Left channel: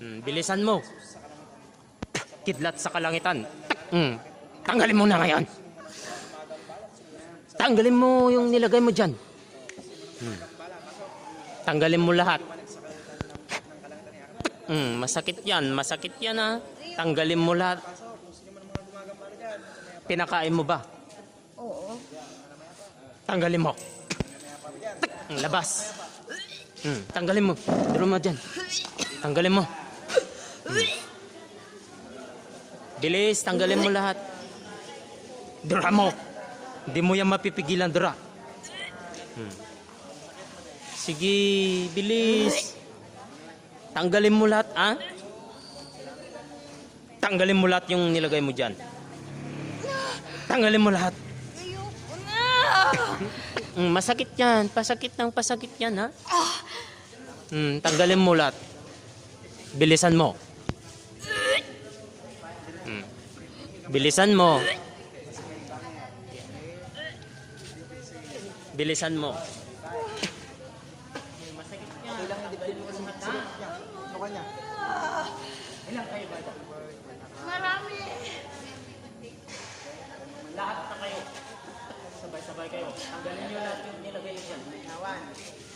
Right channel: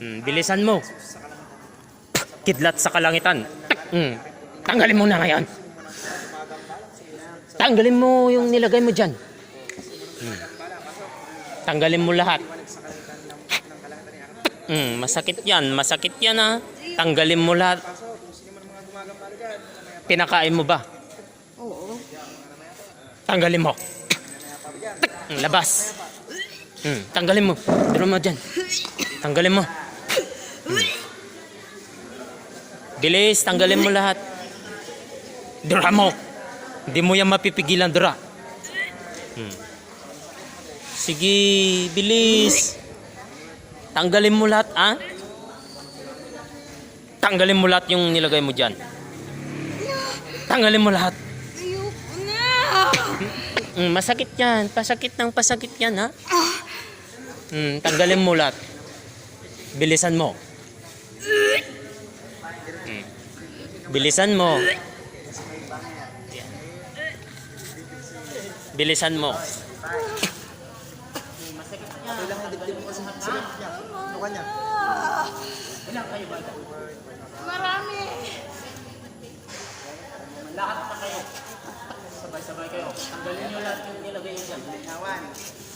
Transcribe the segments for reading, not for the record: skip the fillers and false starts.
Bilisan mo. Kidlat sa kalangitan. Tanggalin mo na ngayon. Tanggalin mo yung nilagay mo dyan. Tanggalin mo lahat. Masakit yan ha. Tanggalin mo lahat. Pinakain mo ba? Oo. Tanggalin mo. Labas. Tanggalin mo. Tiro mo dyan. Tanggalin mo. Bilis, tanggalin mo lahat. Dura mo. Hindi mo yan mapipigilan, dura. Sige, bilis. Tanggalin mo lahat, ha? Tanggalin mo lahat yung nilagay mo dyan. Tanggalin mo lahat. Ayoko na. Masakit yan. Pasakit yan, ha? Tanggalin mo lahat. Bilisan mo. Bilisan mo. Bilisan mo. Masakit yan. Ilang kayo ba? Marami. Lahat pa kayo. Sabay-sabay kayo. Tanggalin nyo lahat yung nilagay nyo dyan.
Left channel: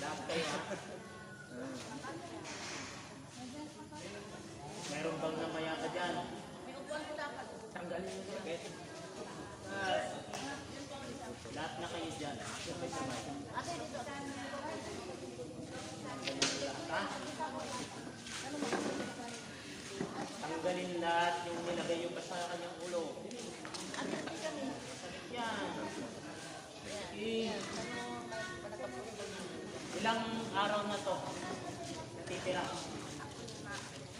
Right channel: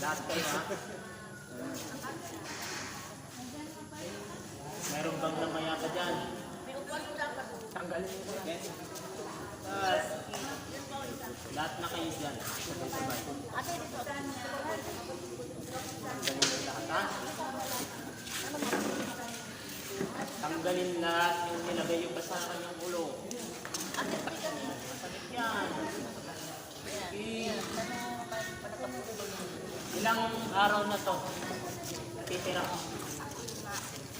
Lahat kayo, ha? Meron bang lamaya ka dyan? Tanggalin mo na. Lahat na kayo dyan. Sabay-sabay. Tanggalin mo lahat, ha? Tanggalin lahat yung nilagay yung basa sa kanyang ulo. Yan. Ilang araw na to natitira?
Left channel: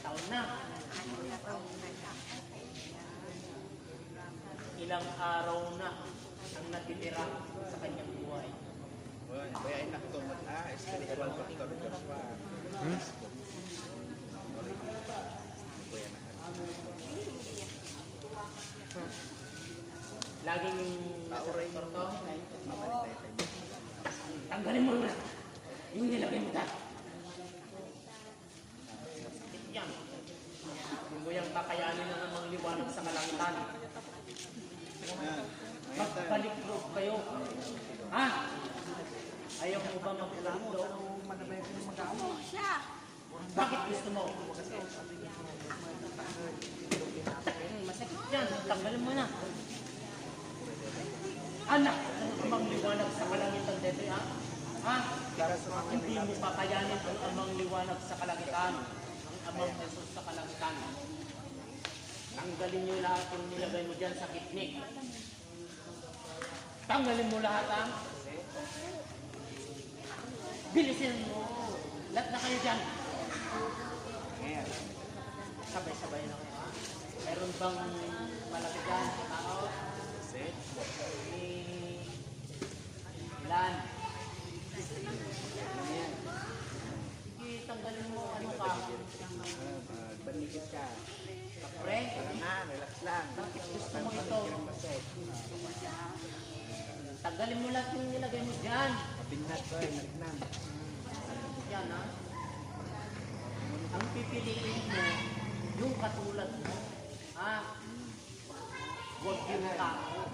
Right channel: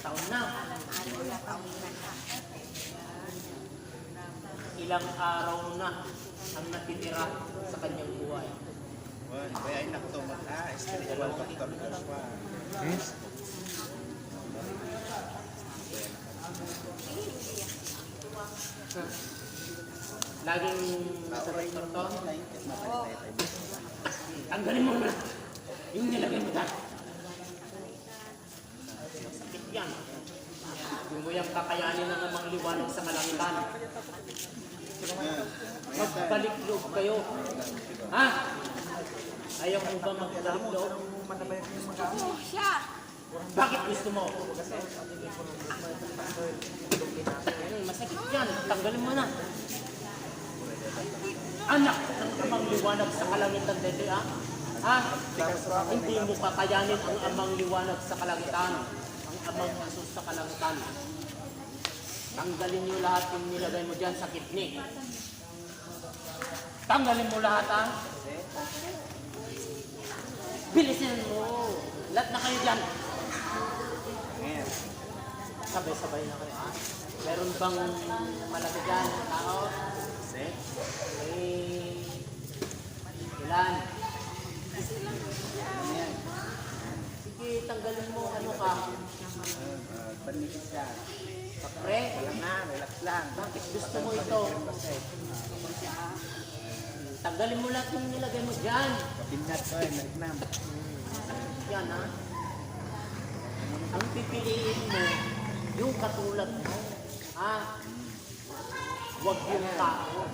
Taon na. Ilang araw na ang natitira sa kanyang buhay. Laging nasa doktor to? Tanggalin mo na yung nilagay mo dyan. Sakit yan. Hindi mo yung kakayanin ng amang liwanag sa kalangitan. Magbalik loob kayo. Ha? Ayaw mo ba magbalik loob? Siya. Bakit gusto mo? Masakit yan. Tanggalin mo na. Anak ng amang liwanag sa kalangitan dito, ha? Ha? Hindi mo kakayanin ang amang liwanag sa kalangitan. Ang amang Jesus sa kalangitan. Tanggalin niyo lahat yung nilagay mo dyan sa kidney. Tanggalin mo lahat, ha? Bilisin mo. Lahat na kayo dyan. Sabay-sabay na kayo, ha? Meron bang malaki dyan? Tao? Ilan? Sige, tanggalin mo. Ano ka? Panipis ka. Papre? Relax lang. Bakit gusto mo ito? Tanggalin mo lahat yung nilagay mo dyan. Kapinat ko, nagnam. Yan, ha? Ang pipiliin mo, yung katulad mo. Ha? Huwag yung tao.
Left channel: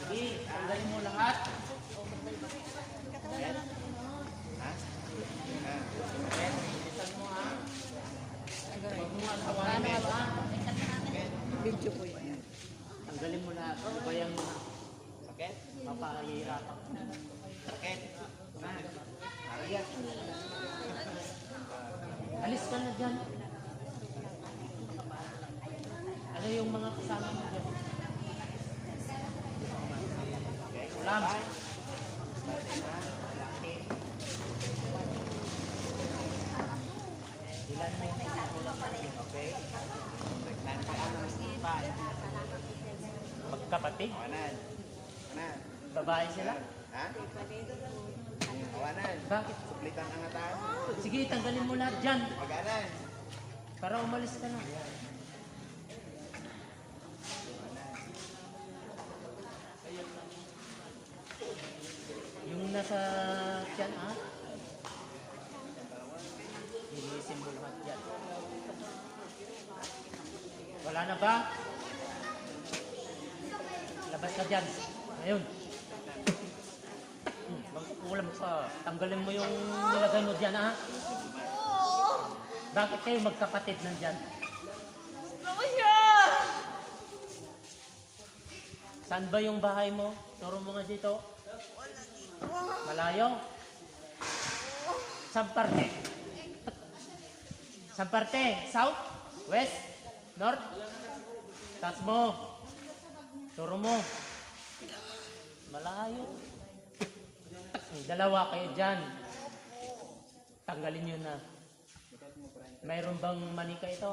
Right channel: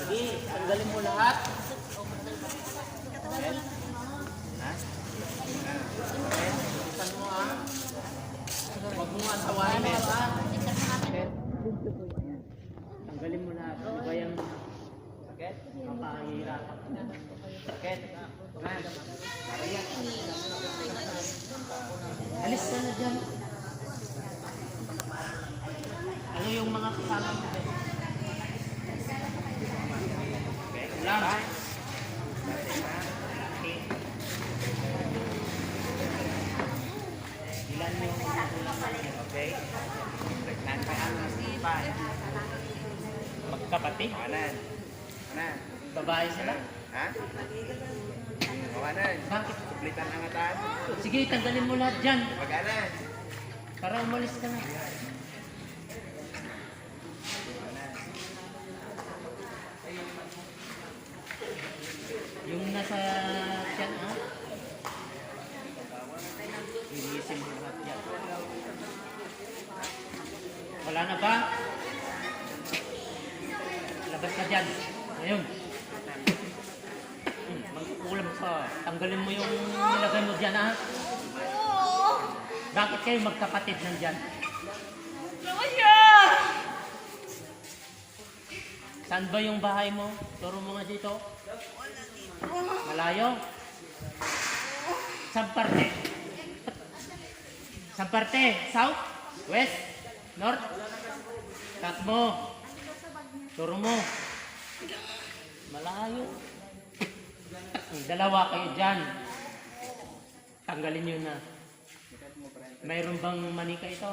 Sige, tanggalin mo lahat. Bilisan mo, ha? Huwag mo masawahin, ha? Tanggalin mo lahat. Bayan mo na. Sakit? Papahirapan ko na. Sakit? Para yan. Alis ka na dyan. Ano yung mga kasama mo dyan? Lang. Ilan mo yung Okay. Nagkantaan mo sa ipan. magkapatid? Kawanan. Na. Babae sila? Ha? Kawanan. Bakit? Suplitan ang ataan. Sige, tanggalin mo lahat dyan. Pagalan. Para umalis ka na. Yung nasa tiyan, ha? Bakit kayo magkapatid nandyan? Ako siya! Saan ba yung bahay mo? Turo mo nga dito. Malayo? Saan parte? Saan parte? South? West? North? Tas mo. Turo mo. Malayo. Dalawa kayo dyan. Tanggalin nyo na. Mayroon bang manika ito?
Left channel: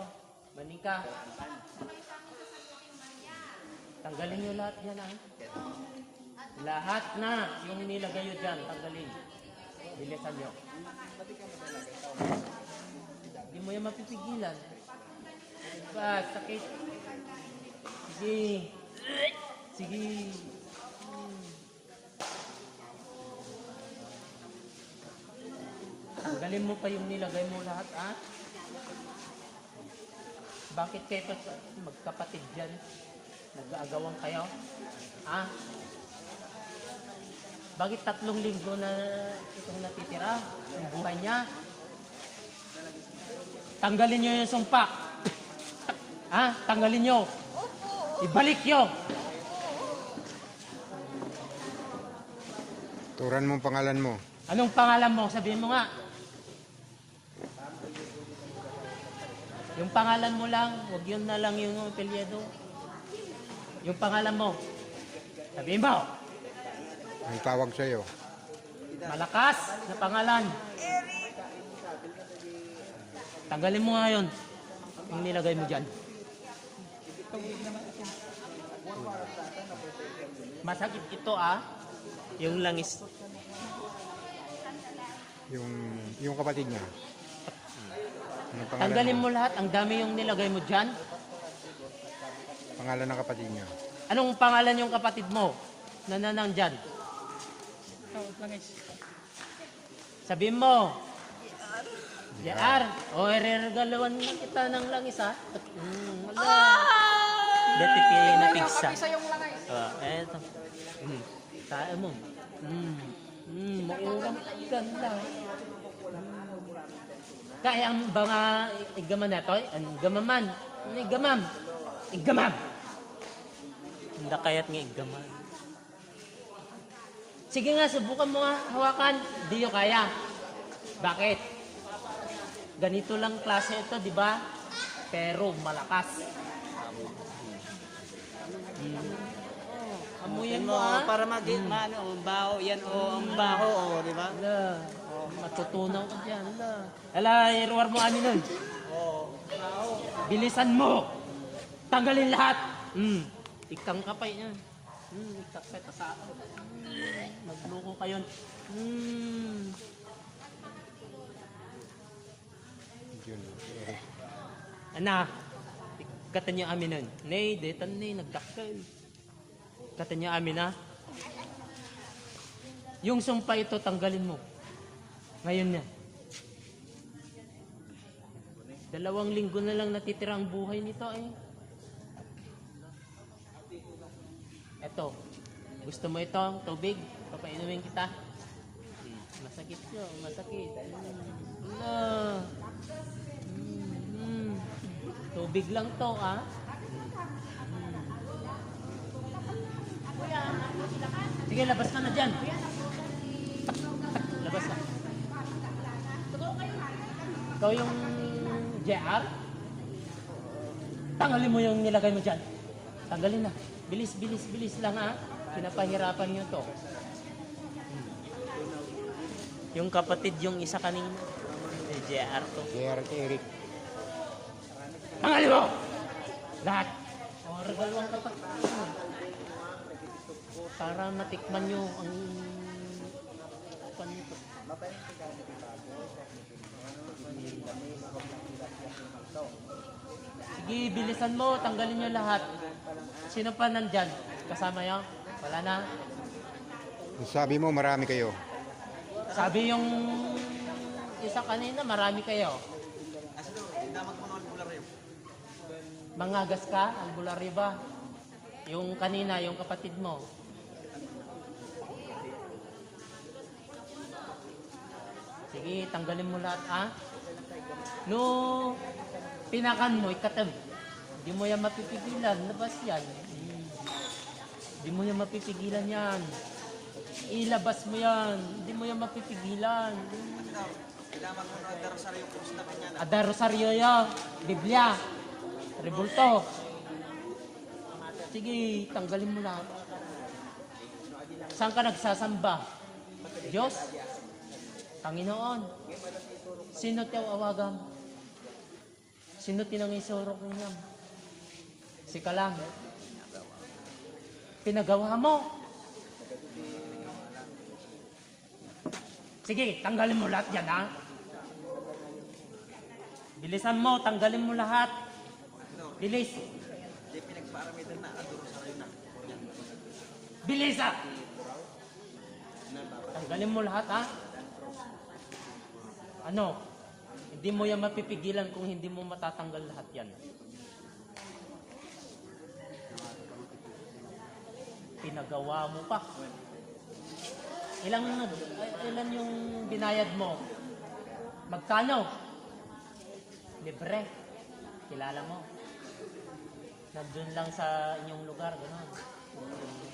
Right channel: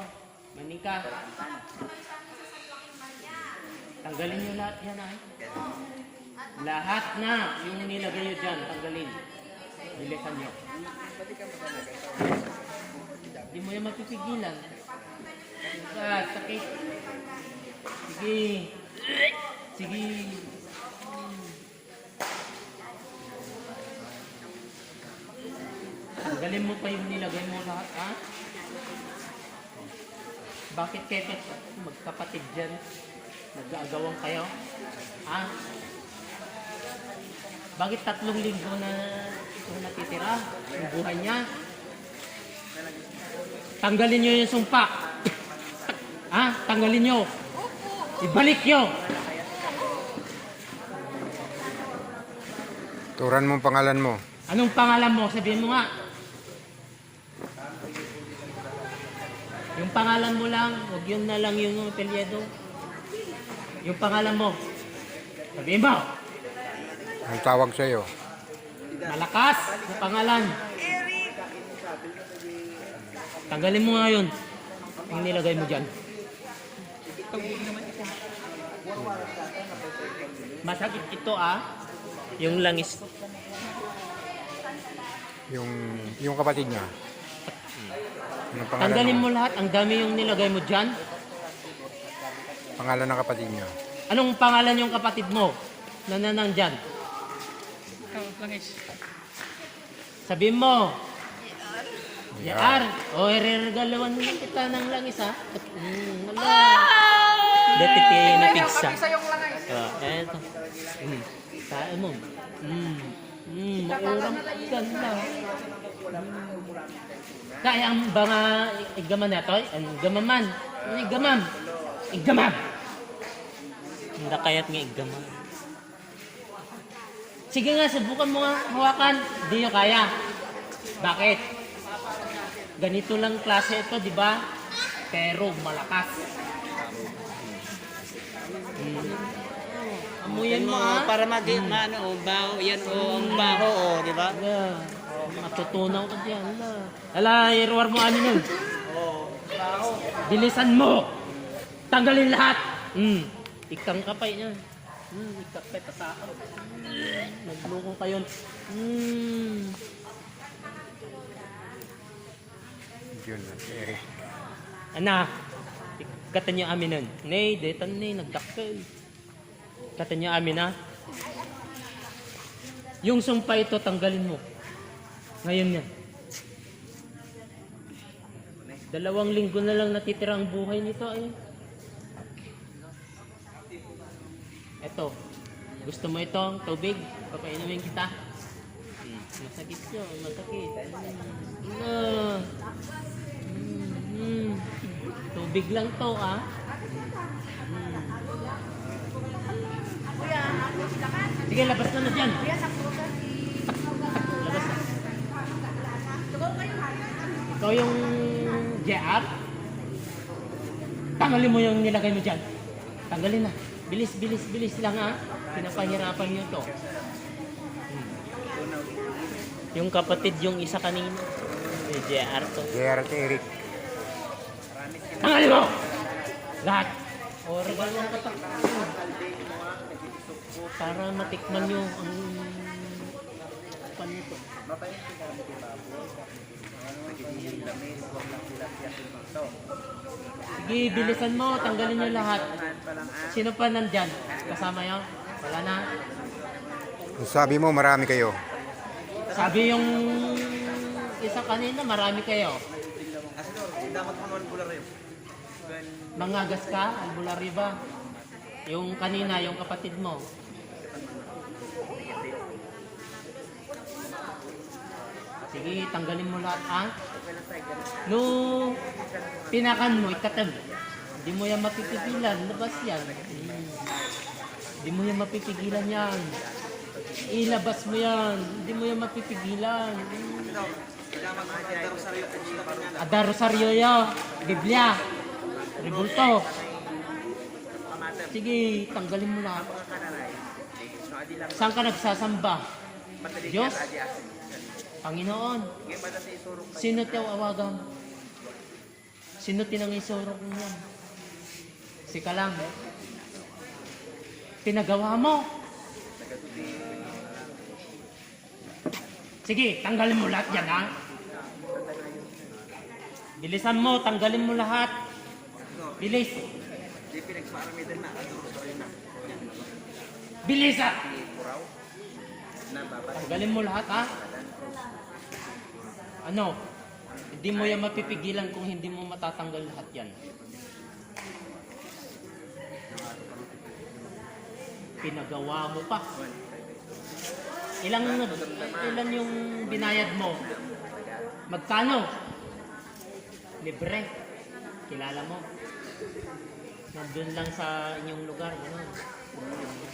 Manika. Tanggalin nyo lahat yan ah. Lahat na yung nilagay nyo dyan, tanggalin. Bilisan nyo. Hindi mo yan magpipigilan. Ah, sakit. Sige. Sige. Tanggalin mo pa yung nilagay mo lahat, ha? Bakit kayo magkapatid dyan? Nag-aagawan kayo? Ha? Bakit 3 linggo na ito natitira? Yung buhay niya? Tanggalin nyo yung sumpa. Ha? Tanggalin nyo. Ibalik nyo. Turan mo ang pangalan mo. Anong pangalan mo? Sabihin mo nga. Yung pangalan mo lang, huwag yun na lang yung apelyido. Yung pangalan mo. Sabihin mo. Ang tawag sa'yo. Malakas na pangalan. Tanggalin mo nga yun. Yung nilagay mo dyan. Masakit ito ah. Yung langis. Yung kapatid niya. Anong pangalan Tanggalin mo? mo lahat. Ang dami yung nilagay mo dyan. Pangalan ng kapatid niya. Anong pangalan yung kapatid mo? Nananang dyan. Sabihin mo. Yar. O, ireregalawan kita ng langis ha. Wala. Deputy na pizza. Eto. Kain mo. Maurang ka na. Kaya ang mga igaman na to, ang gamaman. Ano igamam? Igamam! Hindi kaya't nga igamam. Sige nga, subukan mo nga, hawakan. Hindi nyo kaya. Bakit? Ganito lang klase ito, di ba? Pero malakas. Amuyan mo ha. Para maano, baho, yan o, ang baho o, di ba? Matutunaw ka dyan. Ala, irwar mo ano nun. Bilisan mo. Tanggalin lahat. Ikang kapay niya. Ikakapay tasakan. Naglukong pa yun. Yun, Eric. Anak, kata niya amin nun. Nay, detan nay, nagdakkel. Kata niya amin na. Yung sumpa ito, tanggalin mo. Ngayon yan. 2 linggo na lang natitira ang buhay nito eh. Eto, gusto mo ito, tubig? Papainumin kita. Masakit yun, masakit. Tubig lang to ah. Sige, labas ko na dyan. Labas na. Ito yung JR. Tanggalin mo yung nilagay mo dyan. Tanggalin na. Bilis, bilis, bilis lang ha. Pinapahirapan nyo to. Yung kapatid, yung isa kanina. May JR to. JR at Eric. Tanggalin mo! Lahat. O, regalo na kapak. Para matikman nyo ang panito. Sige, bilisan mo. Tanggalin nyo lahat. Sino pa nandyan? Kasama yan? Wala na. Sabi mo, marami kayo. Sabi yung isa kanina, marami kayo. Mangagas ka, albularyo ba? Yung kanina, yung kapatid mo. Sige, tanggalin mo lahat, ha? No, pinakan mo, ikatab. Hindi mo yan mapipigilan. Labas yan. Hindi mo yan mapipigilan yan. Ilabas mo yan. Hindi mo yan mapipigilan. Ada Rosario ya. Biblia. Rebulto. Sige, tanggalin mo na. Saan ka nagsasamba? Diyos? Panginoon? Sino tayo awagan? Sino tinangisurok mo yan? Sika lang. Pinagawa mo. Sige, tanggalin mo lahat yan, ha? Bilisan mo, tanggalin mo lahat. Bilis. Bilis, ha? Tanggalin mo lahat, ha? Ano? Hindi mo yan mapipigilan kung hindi mo matatanggal lahat yan. Pinagawa mo pa. Ilan yung binayad mo? Magkano? Libre. Kilala mo. Nandun lang sa inyong lugar. Ganun.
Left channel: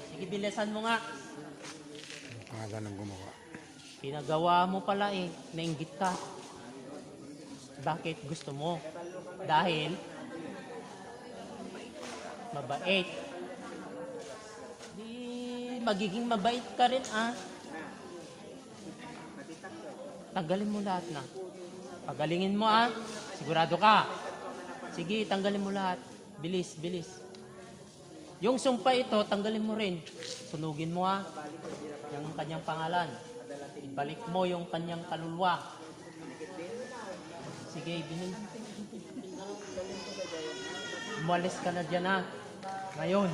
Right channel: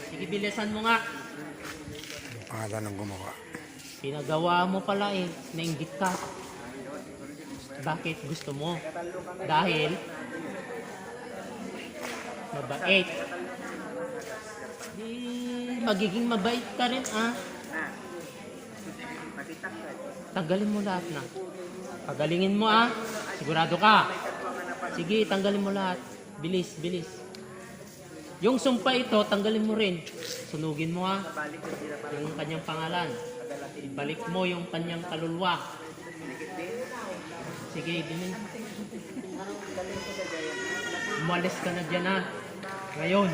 Sige, bilisan mo nga. Pangalan ng gumawa. Pinagawa mo pala eh. Nainggit ka. Bakit gusto mo? Dahil mabait. Di magiging mabait ka rin, ah. Tanggalin mo lahat na. Pagalingin mo, ah. Sigurado ka. Sige, tanggalin mo lahat. Bilis, bilis. Yung sumpa ito, tanggalin mo rin. Sunugin mo, ah. Yung kanyang pangalan. Ibalik mo yung kanyang kaluluwa. Sige, bilhin. Umalis ka na dyan, ha. Ngayon.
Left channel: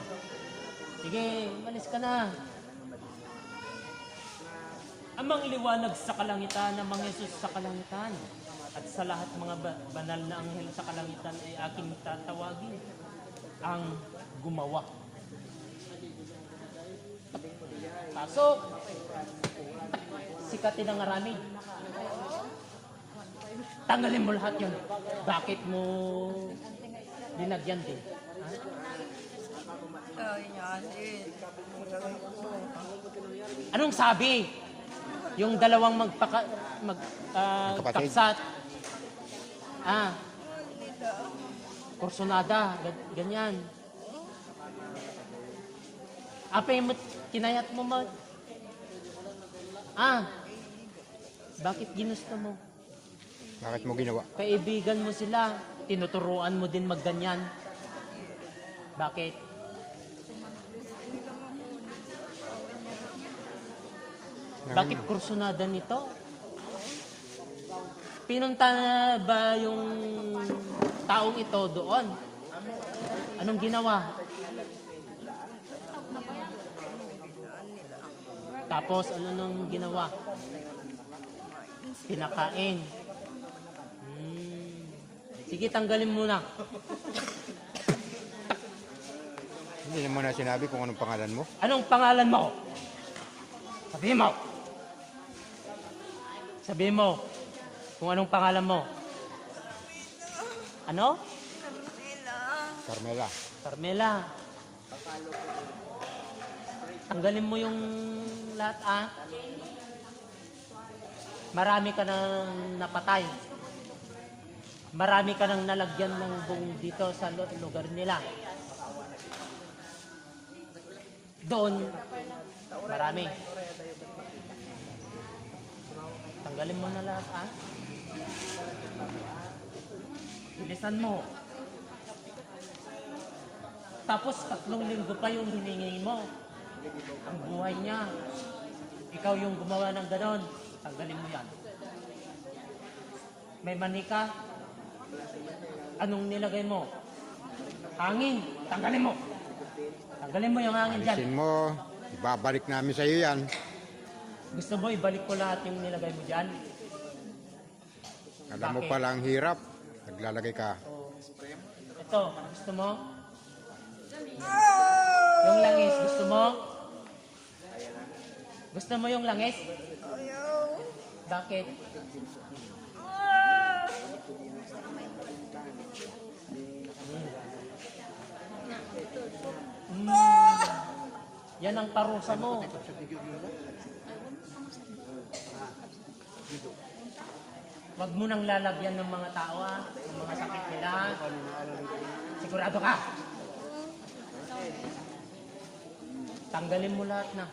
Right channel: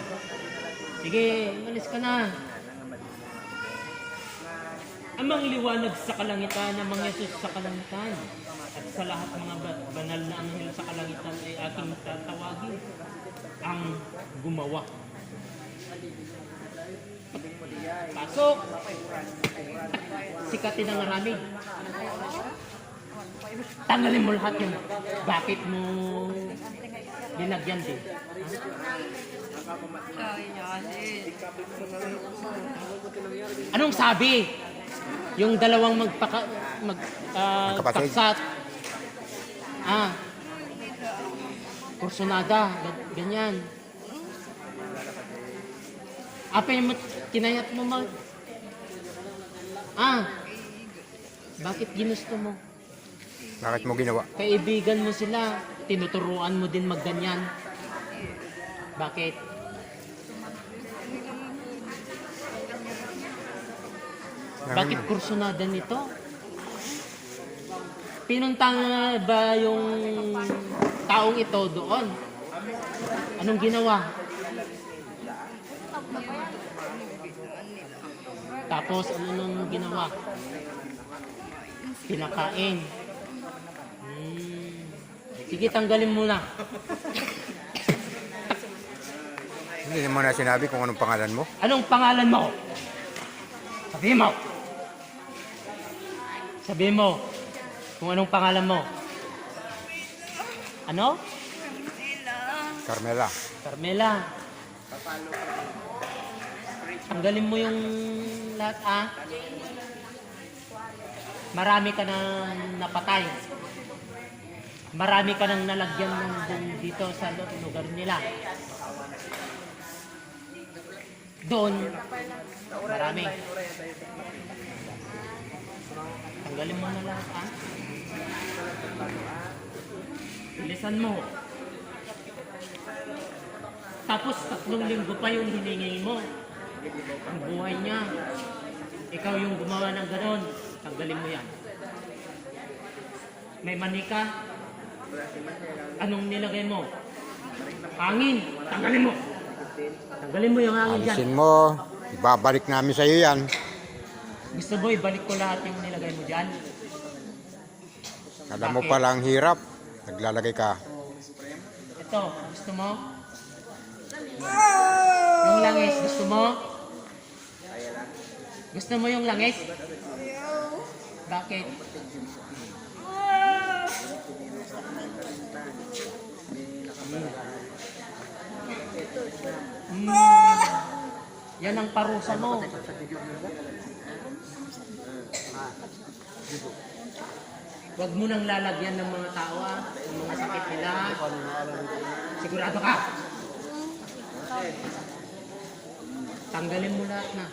Sige, umalis ka na. Amang liwanag sa kalangitan, amang Yesus sa kalangitan, at sa lahat mga banal na anghel sa kalangitan ay aking tatawagin ang gumawa. Pasok! Sikatin ang marami. Tanggalin mo lahat yun. Bakit mo linagyan din? Anong sabi? Yung dalawang Magkapatid. taksat. Kursonada. Ganyan. Apay mo, kinayat mo mag... Bakit ginusto mo? Bakit mo ginawa? Kaibigan mo sila, tinuturuan mo din magganyan. Bakit? Bakit kursunada nito? Pinunta ba yung taong ito doon? Anong ginawa? Tapos ano nung ginawa? Pinakain. Sige, tanggalin mo na. Hindi mo na sinabi kung anong pangalan mo. Anong pangalan mo? Sabihin mo. Sabihin mo kung anong pangalan mo. Ano? Carmela. Carmela. Tanggalin mo yung lahat, ah. Marami ka nang napatay. Marami ka nang nalagyan ng bong dito sa lugar nila. Doon, marami. Tanggalin mo na lahat, ah. Bilisan mo. Tapos 3 linggo pa yung hiningi mo. Ang buhay niya. Ikaw yung gumawa ng ganon. Tanggalin mo yan. May manika. Anong nilagay mo? Hangin. Tanggalin mo. Tanggalin mo yung hangin dyan. Alisin mo. Ibabalik namin sa iyo yan. Gusto mo ibalik ko lahat yung nilagay mo dyan? Alam mo Bakit? palang hirap. Naglalagay ka. Ito, gusto mo? Yung langis, gusto mo? Gusto mo yung langis? Bakit? parusa mo. Huwag mo nang lalagyan ng mga tao ng mga sakit nila. Sigurado ka. Tanggalin mo lahat na.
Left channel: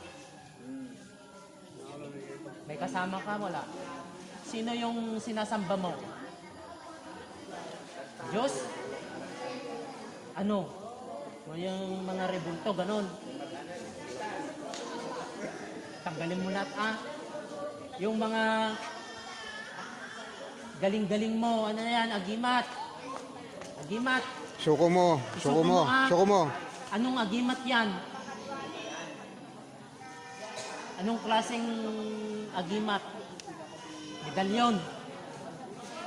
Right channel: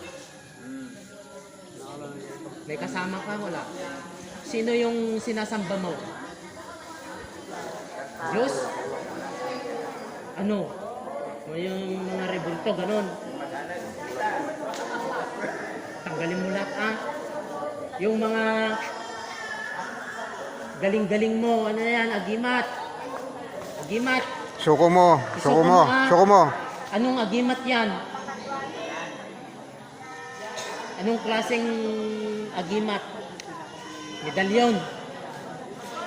May kasama ka, wala. Sino yung sinasamba mo? Diyos? Ano? Yung mga rebulto, ganon. Tanggalin mo lahat, Yung mga galing-galing mo, ano yan, agimat. Agimat. Suko mo. Suko mo. Suko mo. Anong agimat yan? Anong klaseng agimat? Medalyon.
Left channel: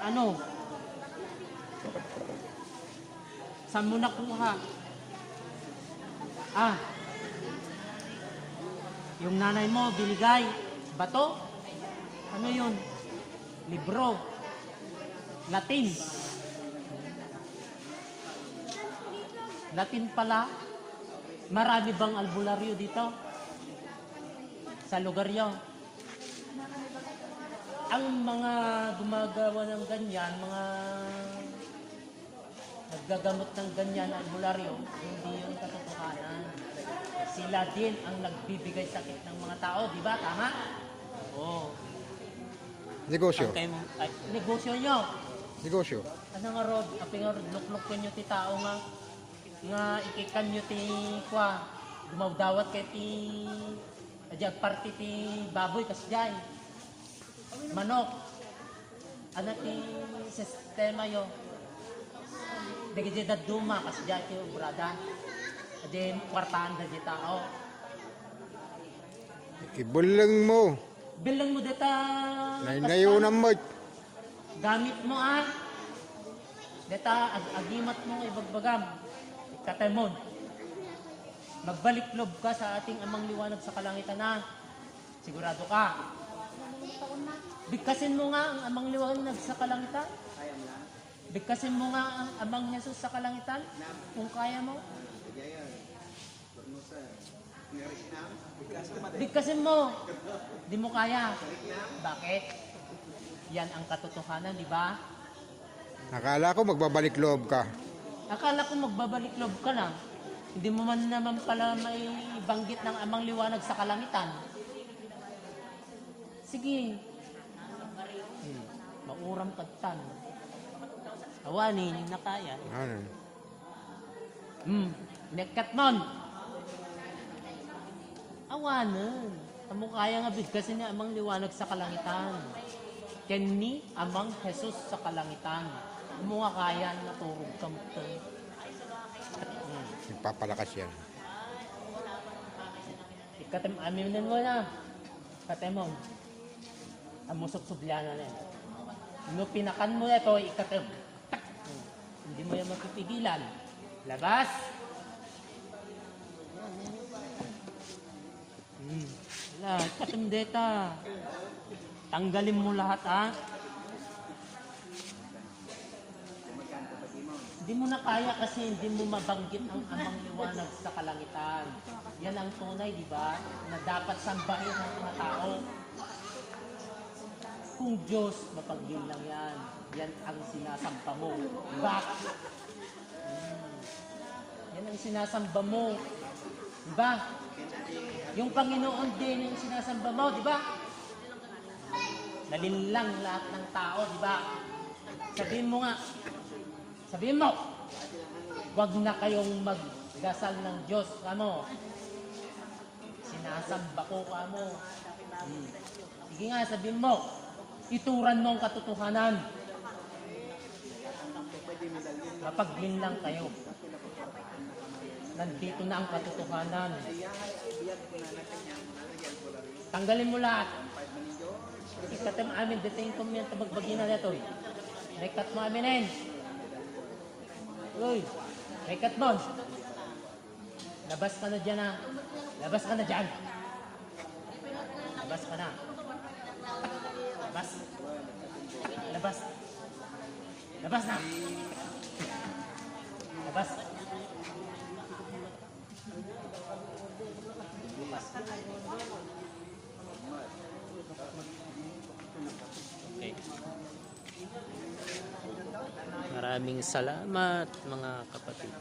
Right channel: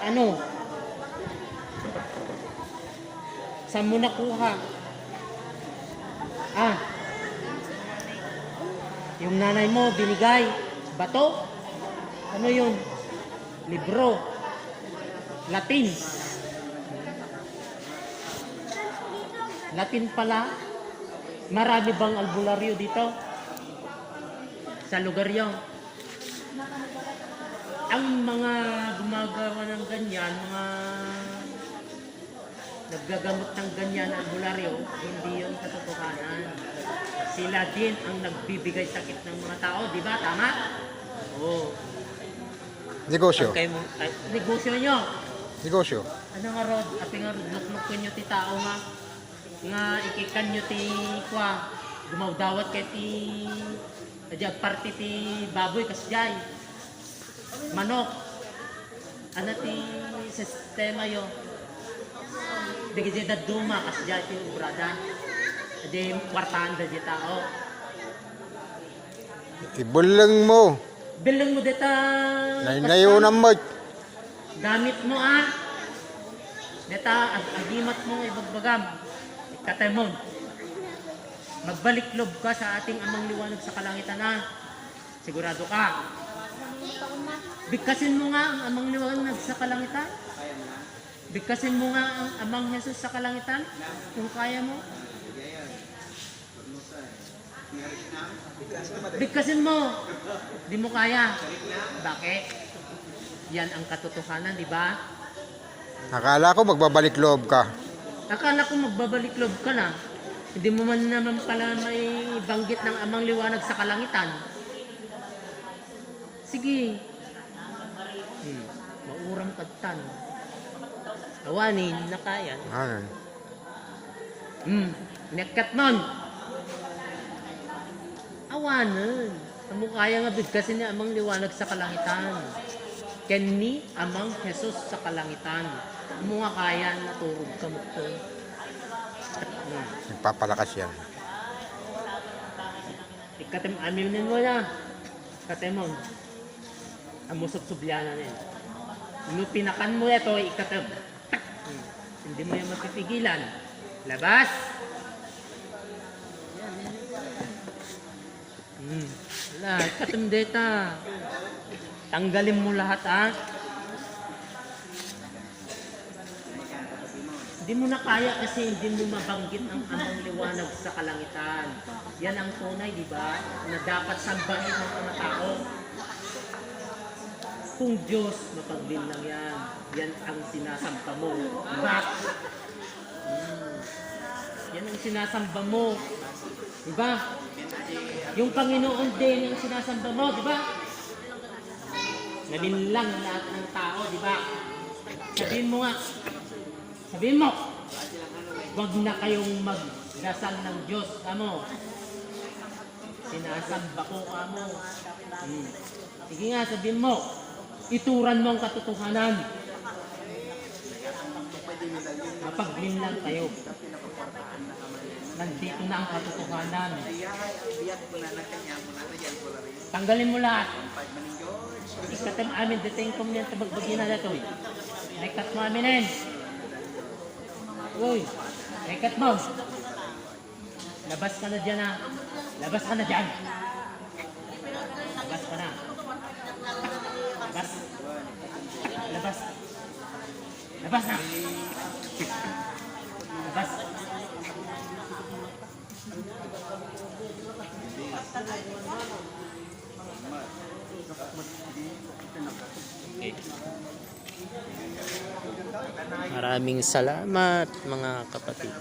Ano? Saan mo nakuha? Yung nanay mo binigay. Bato? Ano yun? Libro. Latin. Latin pala. Marami bang albularyo dito? Sa lugar yun. Ang mga gumagawa ng ganyan, mga naggagamot ng ganyan albularyo, hindi yun katotohanan. Sila din ang nagbibigay sakit ng mga tao, di ba? Tama? Oo. Negosyo. Negosyo nyo. Negosyo. Ano nga rod? Ate nga rod, lukluk ko nyo ti tao nga. Nga ikikan nyo ti kwa. Dumawdawat kay ti ajag party ti baboy kasjay. Manok. Ano ti sistema yo? Digi di duma kasjay ti ubrada. Di kwartaan da di tao. Ibulang mo. Bilang mo dita. Nayunan mo. Gamit mo Deta agimat mo ibagbagam. Ikatemon. Magbalik lob ka sa ating amang liwanag sa kalangitan Sigurado ka. Bigkasin mo nga ang amang liwanag sa kalangitan. Bigkasin mo nga ang amang Jesus sa kalangitan kung kaya mo. Bigkasin mo. Di mo kaya. Bakit? Yan ang katotohanan, di ba? Akala ko magbabalik loob ka. Akala ko magbabalik loob ka na. Hindi mo man naman pala may banggit ng amang liwanag sa kalangitan. Sige. Mauram kadtan. Awanin na kaya. Ano? Nekat nun. Awanan. Amo kaya nga bigkasin ni amang liwanag sa kalangitan. Kenni amang Jesus sa kalangitan. Amo nga kaya naturog ka mo to. Nagpapalakas yan. Ikatem amilin mo na. Katemon. Amo subsubyanan eh. No pinakan mo ito, ikatem. Hindi mo yan mapipigilan. Labas! Wala, ikatem deta. Tanggalin mo lahat Hindi mo na kaya kasi hindi mo mabanggit ang amang liwanag sa kalangitan. Yan ang tunay, di ba? Na dapat sambahin ng mga tao. Kung Diyos, mapaglin lang yan. Yan ang sinasamba mo. Diba? Yan ang sinasamba mo. Diba? Yung Panginoon din ang sinasamba mo, diba? Nalinlang lahat ng tao, diba? Sabihin mo nga, sabihin mo, huwag na kayong magdasal ng Diyos, kamo. Sinasamba ko, kamo. Sige nga, sabihin mo, ituran mo ang katotohanan. Mapaglin lang kayo. Nandito na ang katotohanan. Tanggalin mo lahat. Ikatang amin, dating ko niyan tabagbagin na ito. Rekat mo aminin. Uy, rekat mo. Labas ka na dyan Labas ka na dyan. Labas ka na. Labas. Labas. Labas na. Labas. Maraming salamat mga kapatid.